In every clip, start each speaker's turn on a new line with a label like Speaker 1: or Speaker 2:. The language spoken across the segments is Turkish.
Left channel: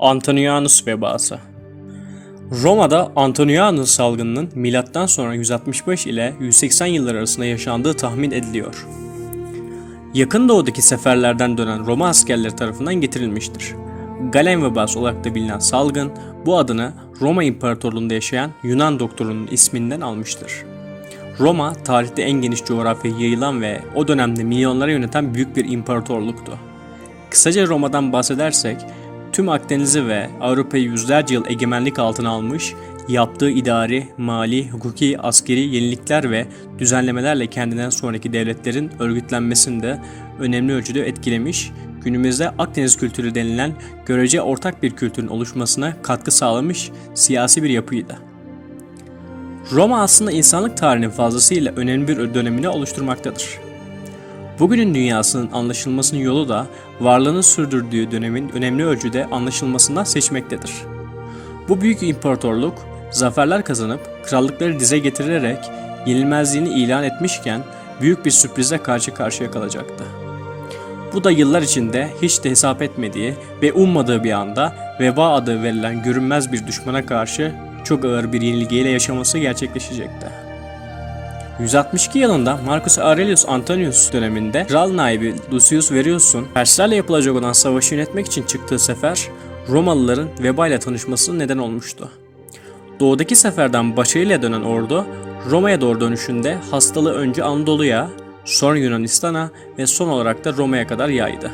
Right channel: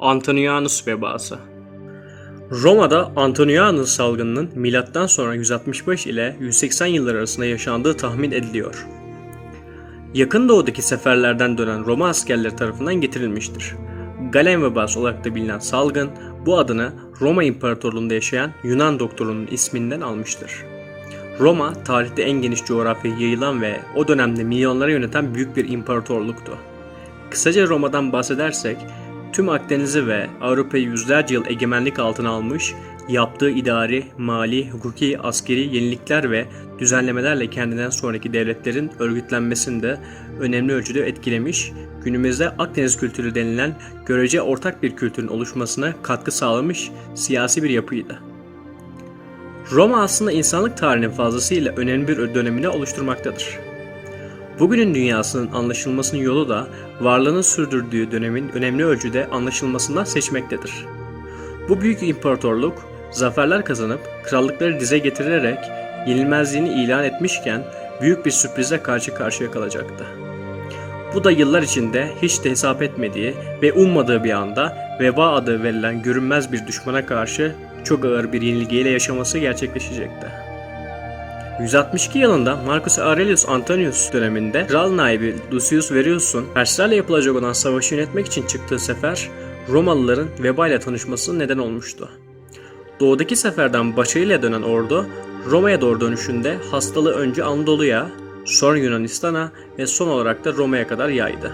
Speaker 1: Antonianus vebası Roma'da Antonianus salgınının milattan sonra 165 ile 180 yıllar arasında yaşandığı tahmin ediliyor. Yakın doğudaki seferlerden dönen Roma askerleri tarafından getirilmiştir. Galen vebası olarak da bilinen salgın bu adını Roma İmparatorluğu'nda yaşayan Yunan doktorunun isminden almıştır. Roma tarihte en geniş coğrafyaya yayılan ve o dönemde milyonlara yöneten büyük bir imparatorluktu. Kısaca Roma'dan bahsedersek tüm Akdeniz'i ve Avrupa'yı yüzlerce yıl egemenlik altına almış, yaptığı idari, mali, hukuki, askeri yenilikler ve düzenlemelerle kendinden sonraki devletlerin örgütlenmesinde önemli ölçüde etkilemiş, günümüzde Akdeniz kültürü denilen görece ortak bir kültürün oluşmasına katkı sağlamış siyasi bir yapıydı. Roma aslında insanlık tarihinin fazlasıyla önemli bir dönemini oluşturmaktadır. Bugünün dünyasının anlaşılmasının yolu da varlığını sürdürdüğü dönemin önemli ölçüde anlaşılmasından seçmektedir. Bu büyük imparatorluk zaferler kazanıp krallıkları dize getirerek yenilmezliğini ilan etmişken büyük bir sürprize karşı karşıya kalacaktı. Bu da yıllar içinde hiç de hesap etmediği ve ummadığı bir anda veba adı verilen görünmez bir düşmana karşı çok ağır bir yenilgiyle yaşaması gerçekleşecekti. 162 yılında Marcus Aurelius Antonius döneminde kral naibi Lucius Verus'un Perslerle yapılacak olan savaşı yönetmek için çıktığı sefer Romalıların veba ile tanışmasına neden olmuştu. Doğudaki seferden başarıyla dönen ordu Roma'ya doğru dönüşünde hastalığı önce Anadolu'ya, sonra Yunanistan'a ve son olarak da Roma'ya kadar yaydı.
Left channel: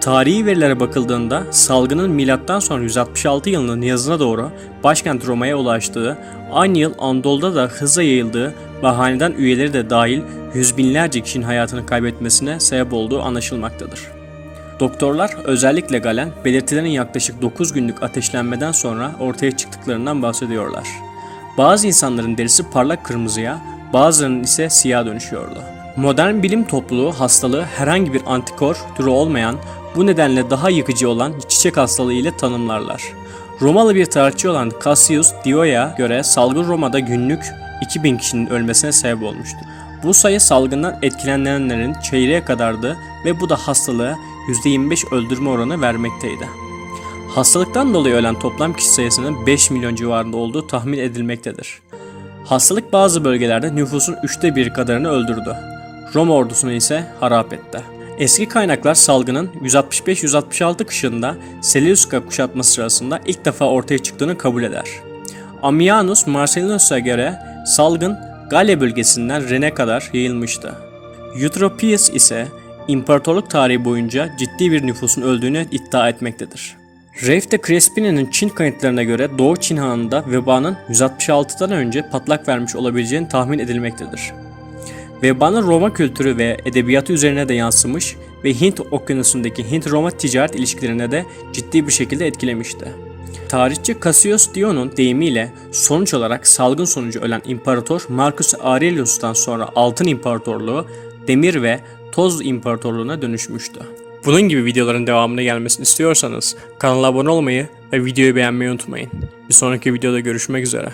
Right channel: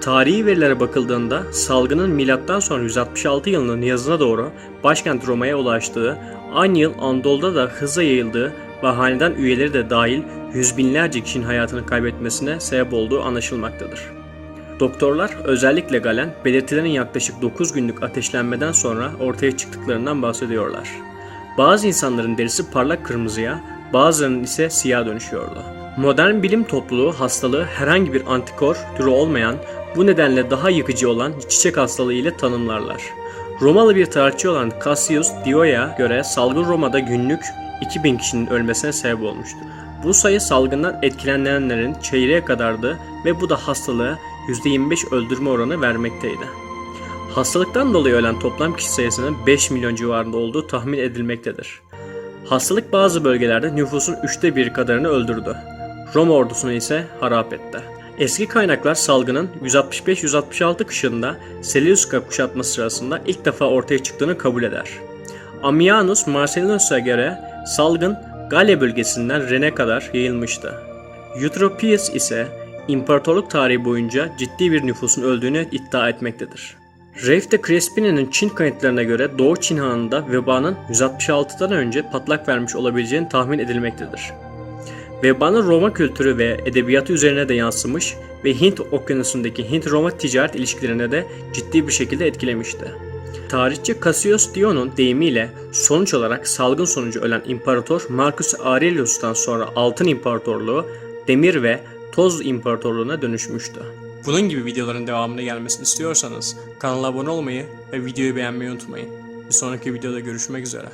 Speaker 1: Tarihi verilere bakıldığında salgının milattan sonra 166 yılının yazına doğru başkent Roma'ya ulaştığı, aynı yıl Anadolu'da da hızla yayıldığı ve hanedan üyeleri de dahil yüz binlerce kişinin hayatını kaybetmesine sebep olduğu anlaşılmaktadır. Doktorlar özellikle Galen belirtilerin yaklaşık 9 günlük ateşlenmeden sonra ortaya çıktıklarından bahsediyorlar. Bazı insanların derisi parlak kırmızıya, bazılarının ise siyah dönüşüyordu. Modern bilim topluluğu hastalığı herhangi bir antikor türü olmayan, bu nedenle daha yıkıcı olan çiçek hastalığı ile tanımlarlar. Romalı bir tarihçi olan Cassius Dio'ya göre salgın Roma'da günlük 2000 kişinin ölmesine sebep olmuştu. Bu sayı salgından etkilenenlerin çeyreğe kadardı ve bu da hastalığı %25 öldürme oranı vermekteydi. Hastalıktan dolayı ölen toplam kişi sayısının 5 milyon civarında olduğu tahmin edilmektedir. Hastalık bazı bölgelerde nüfusun üçte bir kadarını öldürdü. Roma ordusunu ise harap etti. Eski kaynaklar salgının 165-166 kışında Seleucida kuşatması sırasında ilk defa ortaya çıktığını kabul eder. Ammianus Marcellinus'a göre salgın Galya bölgesinden Ren'e kadar yayılmıştı. Eutropius ise imparatorluk tarihi boyunca ciddi bir nüfusun öldüğünü iddia etmektedir. Reif de Crespini'nin Çin kayıtlarına göre Doğu Çin Hanı'nda vebanın 166'dan önce patlak vermiş olabileceğini tahmin edilmektedir. Vebanın Roma kültürü ve edebiyatı üzerine de yansımış ve Hint okyanusundaki Hint-Roma ticaret ilişkilerine de ciddi bir şekilde etkilemişti. Tarihçi Cassius Dio'nun deyimiyle sonuç olarak salgın sonucu ölen imparator Marcus Aurelius'tan sonra Altın İmparatorluğu, Demir ve Toz İmparatorluğu'na dönüşmüştü. Bunun gibi videoların devamını gelmesini istiyorsanız kanala abone olmayı ve videoyu beğenmeyi unutmayın. Bir sonraki videoda görüşmek üzere.